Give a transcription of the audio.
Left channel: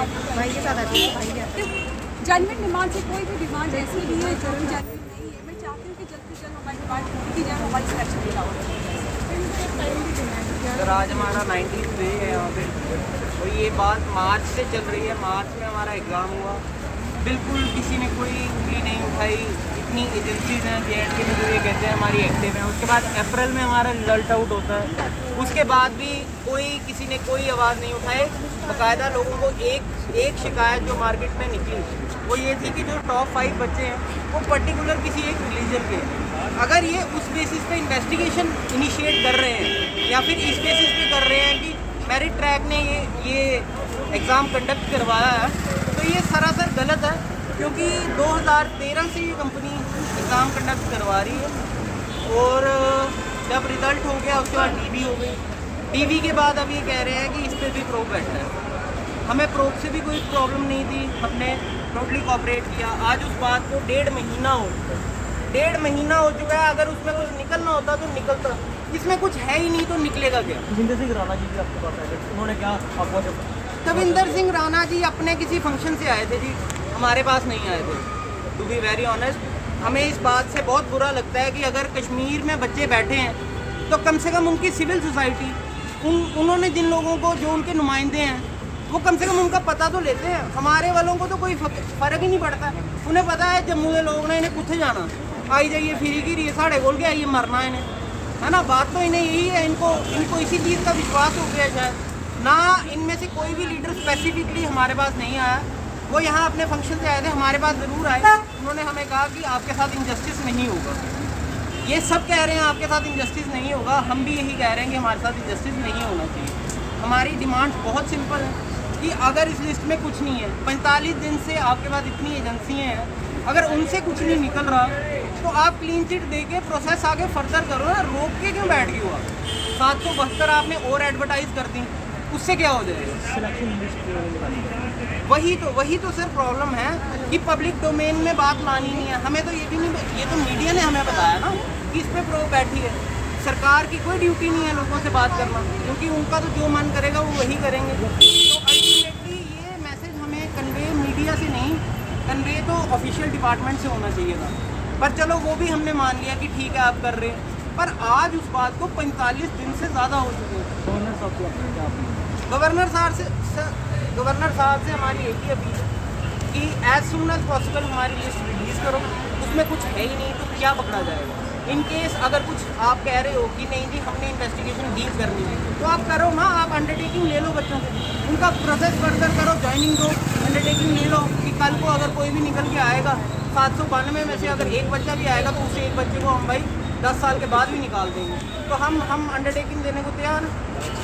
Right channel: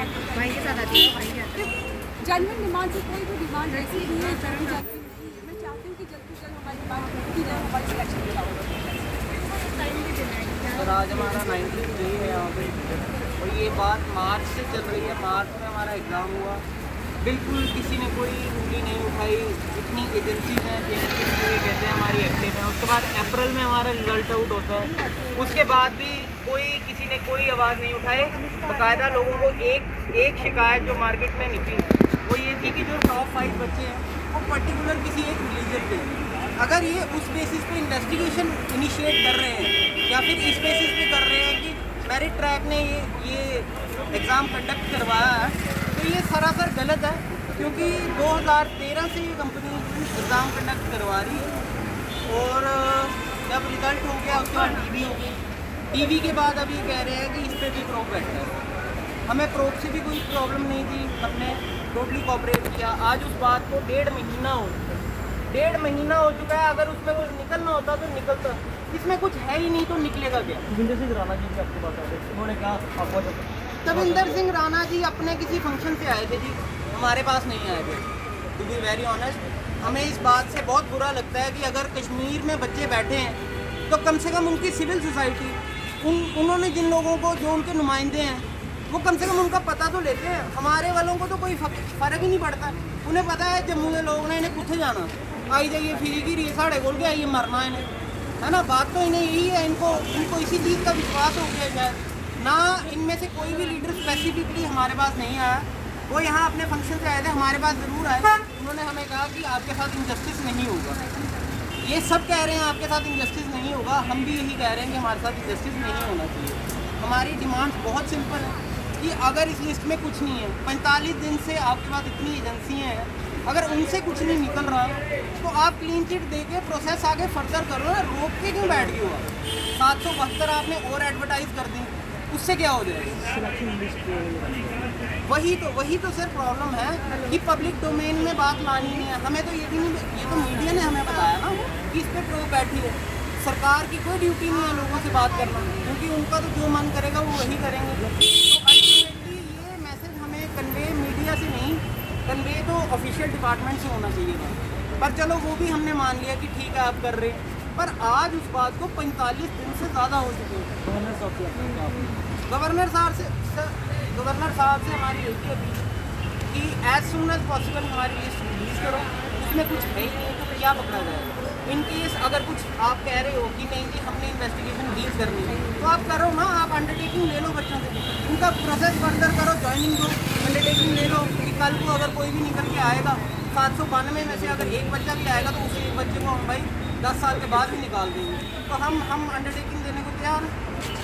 भाई के साथ आती है, भाई जाता है। जेन्युइन डिमांड से कोई भी डिमांड ऐसी नहीं है जो कि जेन्युइन नहीं है। मैं चाहती हूँ कि जल्द से जल्द हमारी डिमांड पूरी की जाए, हमारी सिलेक्शन की जाए। सर आज हमारा 19th डे है यहाँ पे, और ये बात मार्च से चल रही है। मार्च में हमारा एग्ज़ाम हुआ, बिल्कुल किसी ने कोई उंगली नहीं उठाई। इतनी एजेंसीज हैं JNK में जो ये कहते हैं हमारी एक्टिव है। उसके बाद अप्रैल में हमारा रिजल्ट आउट होता है, उसके बाद भी किसी ने कोई आवाज़ नहीं उठाई। बाकायदा लोगों को एक शिकायत जो मार्केट में निकली वो ये थी कि जो टॉप 5 बच्चे हैं वो पर्टिकुलर किसी एक रिलीजन के, अगर ये उस बेसिस पे इन्वेस्टिगेशन इनिशिएट कर रहे हैं या फिर इस बेसिस पे कर रहे हैं कि मेरिट ट्रैक ने ये एग्ज़ाम कंडक्ट करवाया है, तो ये सरासर गलत है। क्योंकि 2013 से ये कंपनी एग्ज़ाम कंडक्ट करवा रही है, और जब रिज़ल्ट हो गया उसके बाद DB हो गई। DB के बाद अब ये कह रहे हैं कि इस पर भी प्रोब बैठा है। हमें प्रोब से भी कोई प्रॉब्लम नहीं थी, हमने टोटली कोऑपरेट किया। आज उस बात को 1.5 महीना हो चुका है, 1.5 महीना हो चुका है। अगर उसमें कुछ निकलना होता तो निकलता, इसमें कुछ है ही नहीं तो निकलेगा क्या। तविंदर सिंह राणा जी भी आपके पास आए थे, उन्होंने क्या आपको जब तविंदर सिंह राणा जी अपने किसी फंक्शन से आए थे जी, हमारे पास नहीं आए थे। टू बी वेरी ऑनेस्ट, हमें इस बात से बहुत बुरा लगता है कि अगर कश्मीर में बच्चे बैठे हैं तो कम से कम उनकी सिविल सोसाइटी, उन्होंने जिन लोगों को, जो उनके नुमाइंदे हैं, वो कम से कम उनका पता तो लेते हैं। हमारे वालों को तो कोई फ़र्क ही नहीं पड़ता। उन्हें पता है जम्मू के लोगों ने इन्हें कुत्थे जाना, आई जाइए फिरी की रही साढ़े बोल के आइए, मरना इन्हें, है ना। बात तो इन्हें यही है, इनको इसी चीज़ का विश्वास हो गया शायद ना। इनमें से कोई भी लीडर स्पेसिफिकली हमारे पास नहीं आया। वो यहाँ अपने फंक्शन से आए थे, हमारे पास ज़रूर आए। उन्होंने हमें कहा कि आपके साथ इनजस्टिस नहीं होगा। ये सब कह रहे हैं आपके साथ इनजस्टिस नहीं होगा, हम भी यही कह रहे हैं कि हमारे साथ इनजस्टिस नहीं होना चाहिए। हमारी डिमांड बहुत सिंपल है कि अगर इस लिस्ट में कुछ नहीं है, 45 दिन से आपके पास इतनी एजेंसियाँ हैं, अगर उनसे कुछ नहीं निकल रहा तो आप क्लीन चिट दे के प्रोसेस आगे फर्दर करो ना। रोक के क्यों बैठ गए हो आप? 772 आपने और एडवर्टाइज कर दी, उससे क्या हो जाएगा? सिलेक्शन लिस्ट वही तो सर प्रॉब्लम है कि पब्लिक डोमेन में बात लानी नहीं है। हमें तो ये भी नहीं, ये तो मीडिया ने हमें बताया ना कि इस पर प्रो बैठी है। सरकार की कोई ड्यूटी नहीं है लोगों से बात करना, क्योंकि उनका तो जो मन करेगा वो वही करेंगे। तो अल्टीमेटली ये मैसेज हमें कन्वे मीडिया से नहीं, कन्वे तो ऑफिशियल डिपार्टमेंट से होना चाहिए था। पर चलो वो भी हमने मान लिया कि ठीक है आप कर रहे हैं, पर आज उस बात को 45 दिन से ज़्यादा हो चुके हैं। गवर्नर साहब की क्या गवर्नर साहब से हमारी एक ही अपील है कि एज सुन एज पॉसिबल हमारी लिस्ट रिलीज़ करो। उसमें कुछ है ही नहीं तो क्या पकड़ा जाएगा। इन केस अगर कुछ आप कह रहे हो कि नहीं जी हमने इन्वेस्टिगेशन डील करनी है, तो आप करो ना, आप अंडरटेकिंग ले लो बच्चों से, उनका प्रोसेस फर्दर करो, ज्वाइनिंग दो, अंडरटेकिंग ले लो कि कल को अगर कोई भी निकल के आएगा 792 में से अगर एक बच्चा भी आएगा तो उससे एक बच्चे को हम भाई 10 साल के बाद भी निकाल देंगे। तो हम अंडरटेकिंग देने को तैयार हैं।